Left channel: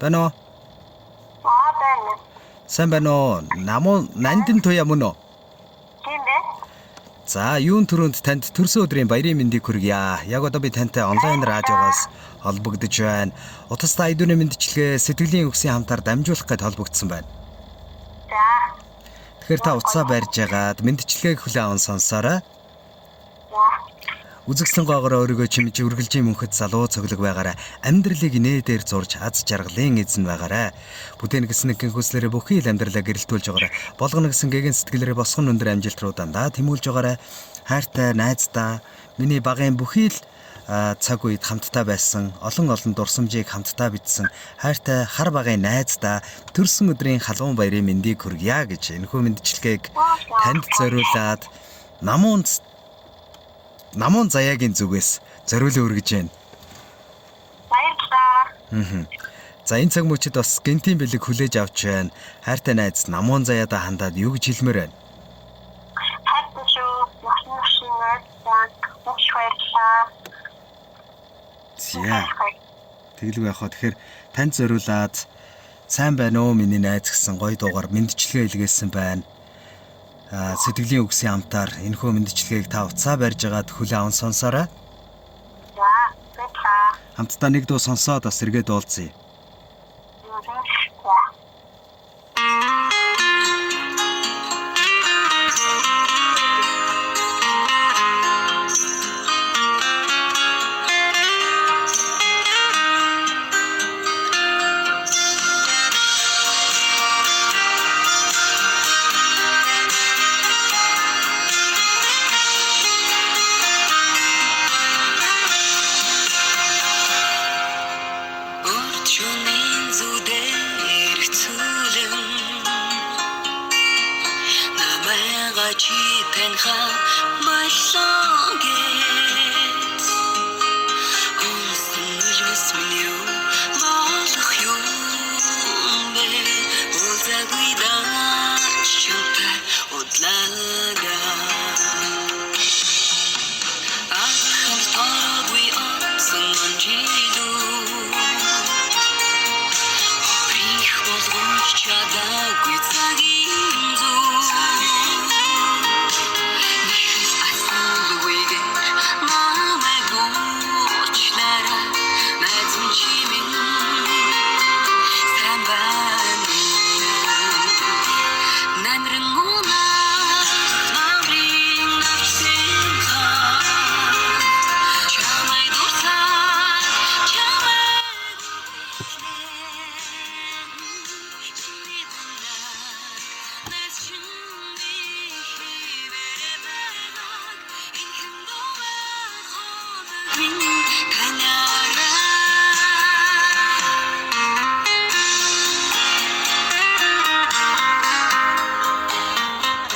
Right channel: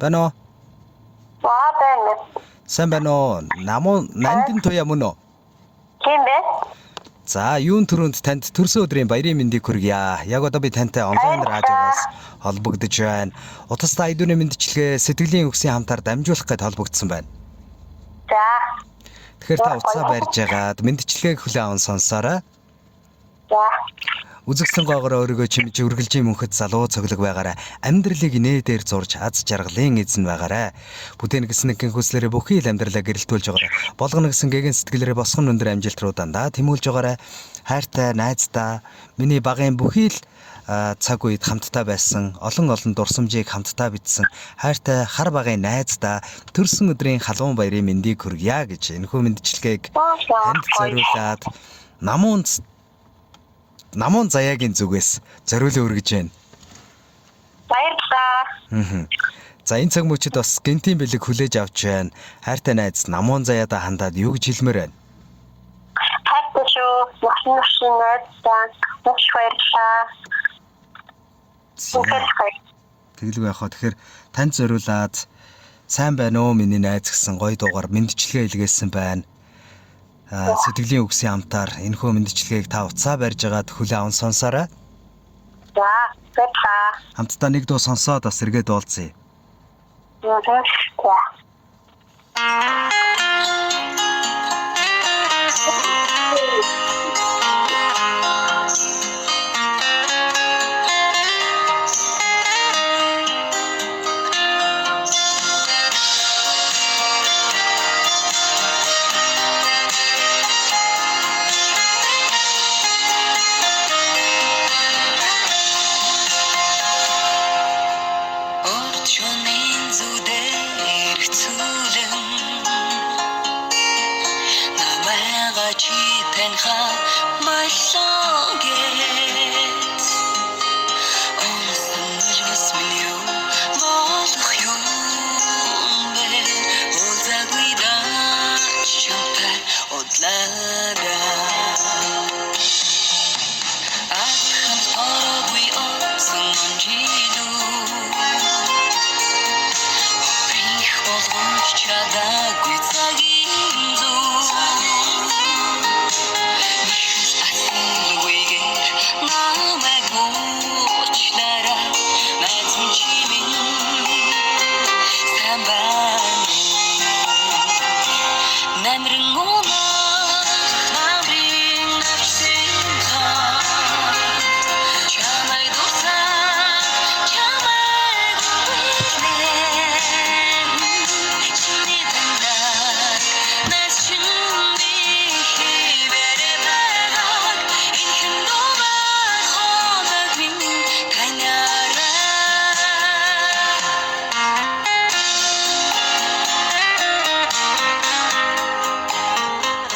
Байна уу? Байна. Сайн байна уу? Нандин туяа мөн үү? Тийм бэ? За, юун төрөнд танд төрсөн өдрийн баярын мэндийг хүргье. Яг одоо би тантай онлайн радиогоос холбогдож байна. Утастай айдууны мэндчилгээ сэтгэлийн үгсийн хамтаар дамжуулах гээд холбогдсон байна. За. Тэгэхээр та утсаа барьж ягаад мэндчилгээг хүлээн аван сонсоорой. За. Үзэгсэн гоогоор өөрийгөө чимж үргэлжийн мөнхөд залуу цоглог байгаарай. Амьдралыг нээдээр зурж аз жаргалын эзэн байгаарай. Бүтээн гэсэн нэгэн хүслээрээ бүхий л амьдралаа гэрэлтүүлж байгаарай. Болгоно гэсэн гэгэн сэтгэлээрээ босгон өндөр амжилт руу дандаа тэмүүлж байгаарай. Хайртай найздаа миний багын бүхий л цаг үед хамтдаа байсан олон дурсамжийг хамтдаа бичсэн хайртай хар багын найздаа төрсөн өдрийн халуун баярын мэндийг хүргье гэж энэхүү мэндчилгээг танд зориулаад намуун заяагийн зүгээс зориулан өргөж байна. Баярлалаа. За энэ цаг мөчид бас гинтийн бэлэг хүлээж авч байна. Хайртай найз намуун заяада хандаад юу гэж хэлмээр байна? Хайртай шүү. Машин найздаа маш баярлалаа. Тэгэлгүй яхаа тэгэхээр танд зориулаад сайн байна уу миний найз гэсэн гоё дуугаар мэндчилгээ илгээсэн байна. Сэтгэлийн үгсийн хамтаар энэхүү мэндчилгээг та утсаа барьж агаад хүлээн аван сонсоорой. За, баярлалаа. Хамтдаа нэг дуу сонсоод бас эргээд уулзъя. За.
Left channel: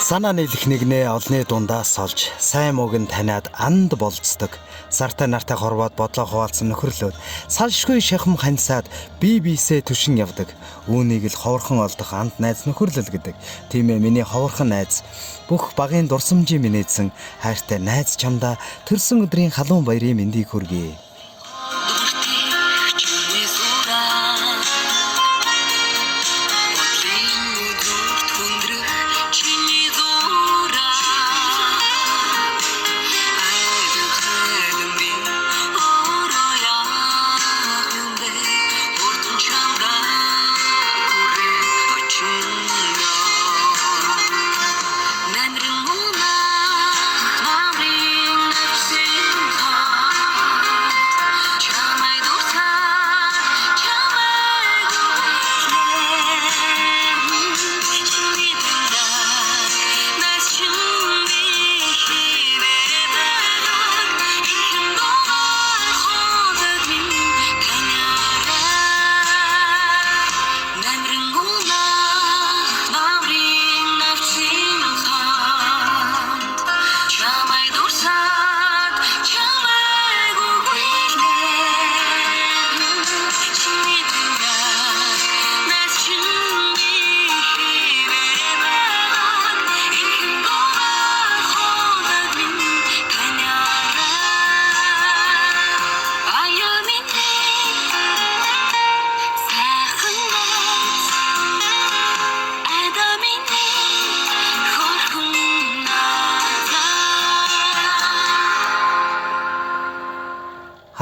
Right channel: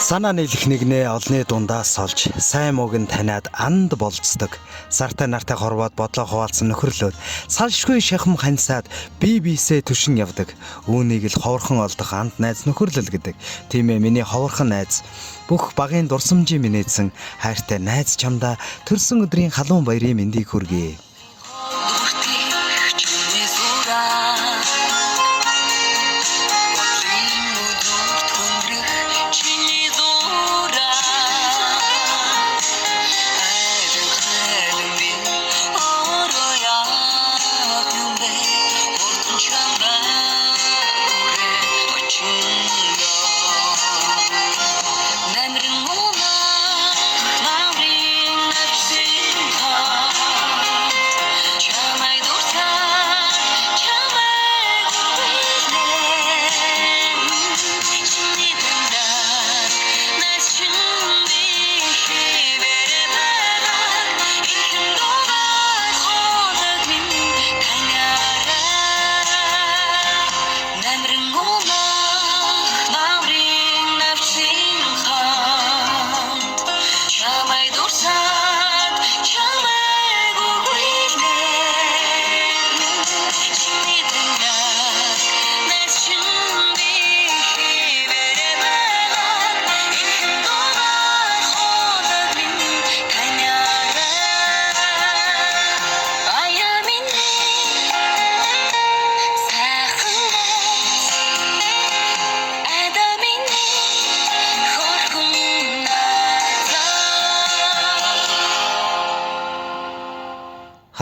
Санаа нийлэх нэгнээ олны дундаас олж сайн мууг нь таниад анд болцдог. Сартай нартай хорвоод бодлоо хуваалцсан нөхөрлөд салшгүй шахам хансаад бие биесээ түшин явдаг. Үүнийг л ховорхон олдох анд найз нөхөрлөл гэдэг. Тийм ээ миний ховорхон найз. Бүх багын дурсамжийн минийдсэн хайртай найз чамдаа төрсөн өдрийн халуун баярын мэндийг хүргэе.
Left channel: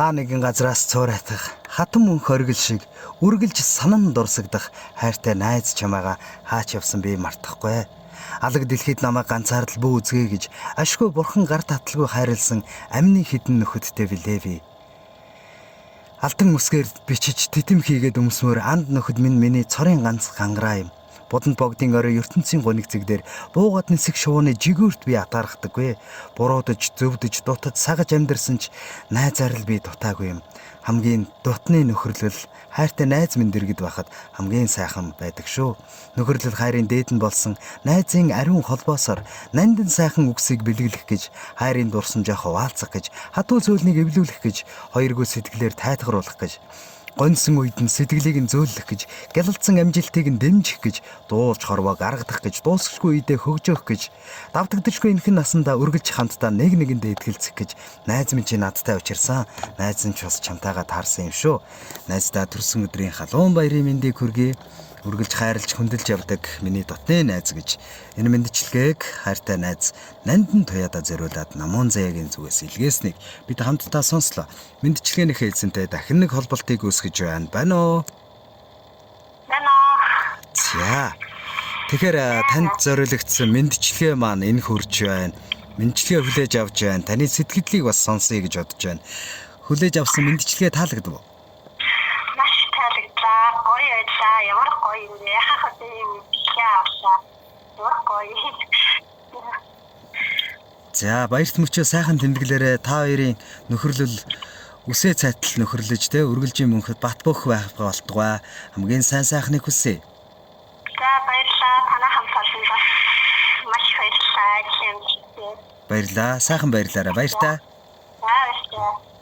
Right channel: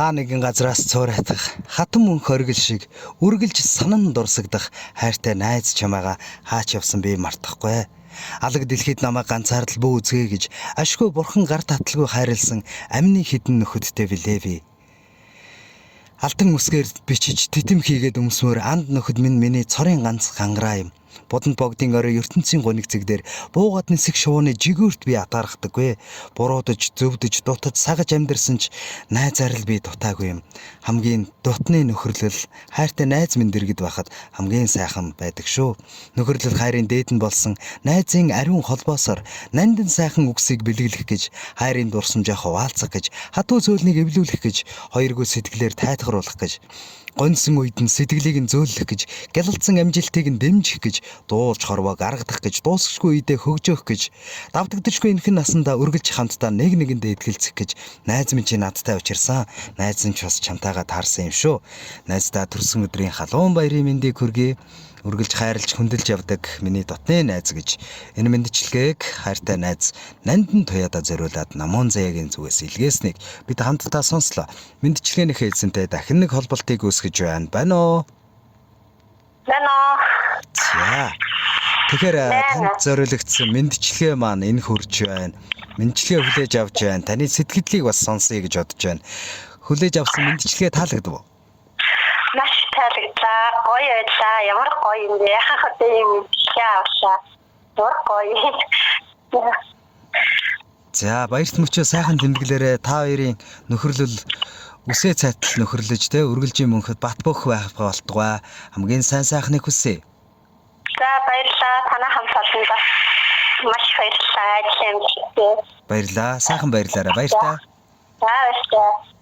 Хаа нэгэн газраас цуурайтах хатан мөнх оргил шиг үргэлж санан дурсагдах хайртай найз чамаага хаач явсан би мартахгүй. Алаг дэлхийд намайг ганцаардал бүү үзгээ гэж ашгүй бурхан гар таталгүй хайрлсан амны хідэн нөхөдтэй билээ би. Алтан үсгээр бичиж тэтэм хийгээд өмсмөр анд нөхөд минь миний цорын ганц гангараа юм. Бодонд богдын орой ертөнцийн гониг зэгдэр буугаад нисэх шувууны жигүүрт би атаархдаггүй. Буруудаж, зөвдөж, дутаж, сагаж амьдэрсэн ч найзаар л би дутаагүй юм. Хамгийн дутны нөхөрлөл хайртай найз минь дэргэд байхад хамгийн сайхан байдаг шүү. Нөхөрлөл хайрын дээд нь болсон найзын ариун холбоосоор нандин сайхан үгсийг бэлгэлэх гэж, хайрын дурсамжаа хуваалцах гэж, хатуу зөөлнийг эвлүүлэх гэж, хоёргүй сэтгэлээр тайтгаруулах гэж, гонсон үед нь сэтгэлийг нь зөөлөх гэж, гялалцсан амжилтыг нь дэмжих гэж, дуулж хорвоо гаргадах гэж, дуусахгүй үедээ хөгжөөх гэж, давтагдчихгүй энхэн насандаа үргэлж хамтдаа нэг нэгэндээ итгэлцэх гэж найз минь чи надтай учирсан. Найз нь ч бас чамтайгаа таарсан юм шүү. Найздаа төрсөн өдрийн халуун баярын мэндийг хүргэе. Үргэлж хайрлж хүндэлж явдаг миний дотны найз гэж энэ мэндчилгээг хайртай найз Нандин Туяада зориулаад Намуун Заяагийн зүгээс илгээснийг бид хамтдаа сонслоо. Мэндчилгээнийхээ эзэнтэй дахин нэг холболтыг үүсгэж байна уу? Байна. За. Тэгэхээр танд зориулагдсан мэндчилгээ маань энэ хүрч байна. Мэндчилгээ хүлээж авч байна. Таны сэтгэлдлийг бас сонсъё гэж бодож байна. Хүлээж авсан мэндчилгээ таалагдав уу? Маш таалагдлаа. Гоё байлаа. Ямар гоё юм бэ? Хахад юм яавшаа. Ямар гоё. За баярт мөчөө сайхан тэмдэглээрээ та хоёрын нөхөрлөл үсээ цайтал нөхөрлөж те үргэлжийн мөнхөд бат бөх байх болтугай. Хамгийн сайн сайхныг хүсье. За баярлалаа. Танай хамт олондоо маш баярлалаа. Баярлаа. Сайхан баярлаарай. Баяр та. За баярлалаа.